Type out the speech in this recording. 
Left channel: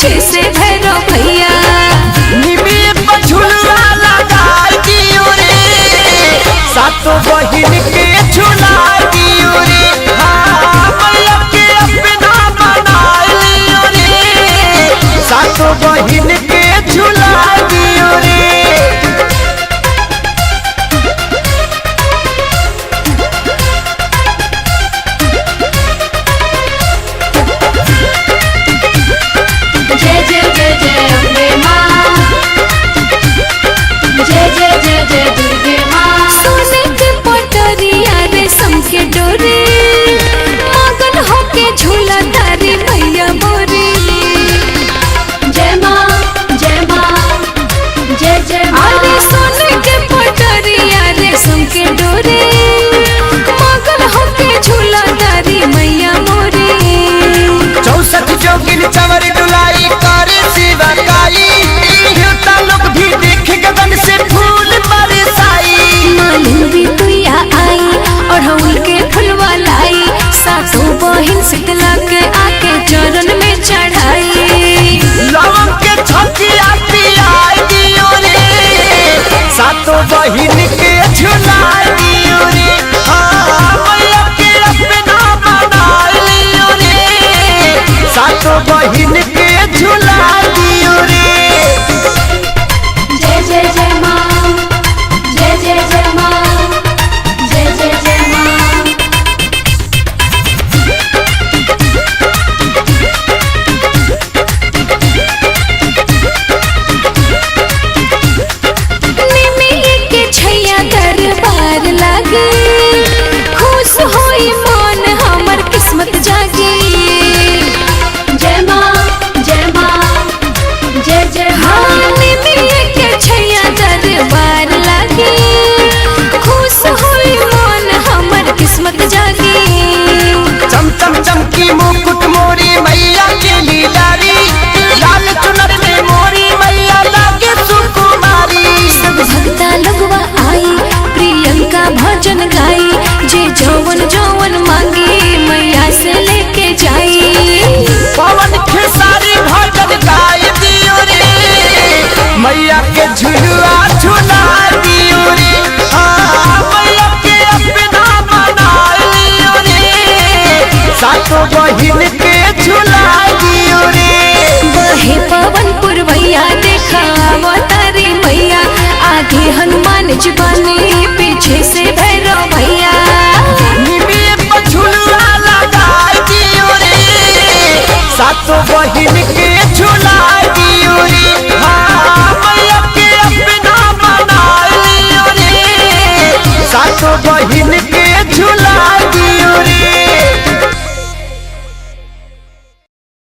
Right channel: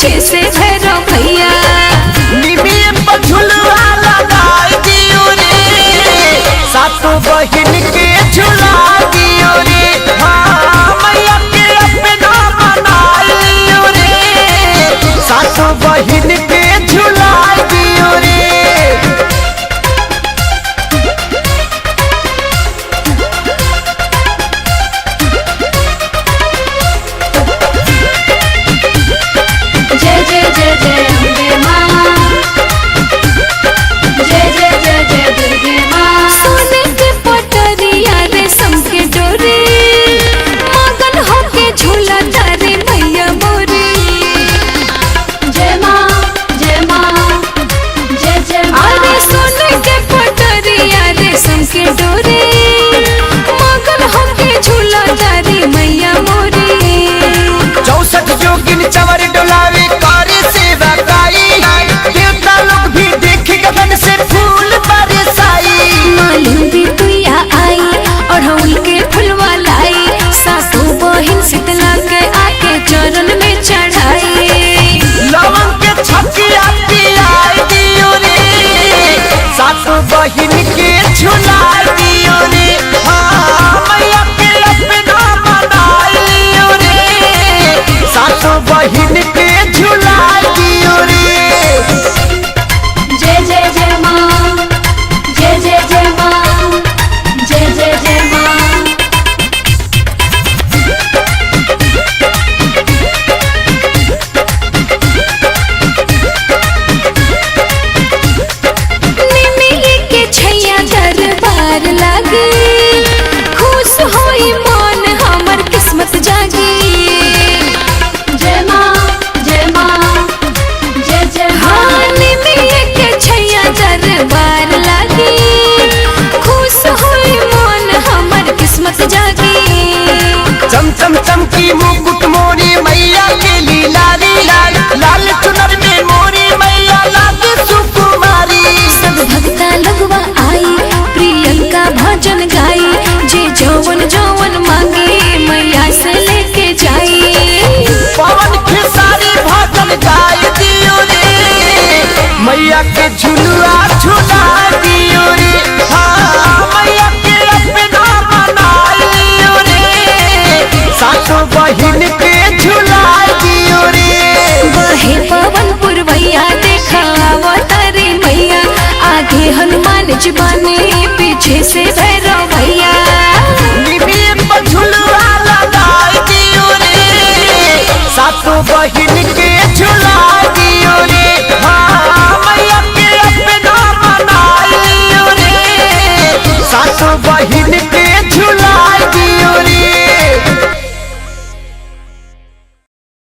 पीछे से भैरव भैया सातों बहिन के झूला दियो रे, मैया के अपना बना लियो रे, सातों बहिन के झूला दियो रे। जय जय जय जय अम्बे माँ, जय जय जय जय दुर्गे माँ। सोने के पटरिया रेशम के डोरे, मगन होके झूला तारी मैया मोरी। जय माँ जय माँ जय जय। अरे सोने के पटरिया रेशम के डोरे, मगन होके झूला तारी मैया मोरी। 64 जोगिन चवर डुलारी कारी सेवा काई, देवता लोग भी देख के मन से फूल बरसाई। मालिन भी तुया आई और हउल के फुलवा लाई, सासू बहिन शीतला के आके चरण में चढ़ाई। लवन के छकिया पिया दियो रे, सातों बहिन के झूला दियो रे, मैया के अपना बना लियो रे, सातों बहिन के झूला दियो रे। जय जय जय माँ, जय जय जय माँ, जय जय जय माँ। निमिये के छैया दरबार लागे, खुश होई मन हमर किस्मत जागे। जय माँ जय माँ जय जय। हाँ निमिये के छैया दरबार लागे, खुश होई मन हमर किस्मत जागे। चम चम चमकी मुकुट मोरी मैया की लीला रे, लाल चुनर में मोरी मैया लागे सुकुमारी। सब भक्ता लगवा आई, प्रियंका भजन गाई, जे जौवन जौवन मांगे मैया से लेके जाई। पवन खेसारी भजन गाय दियो रे, मैया के झुलुआ झुला दियो रे, मैया के अपना बना लियो रे, सातों बहिन के झुला दियो रे। बहे पवन पुरवैया देखा अवतारी मैया, आगे हनुमान जी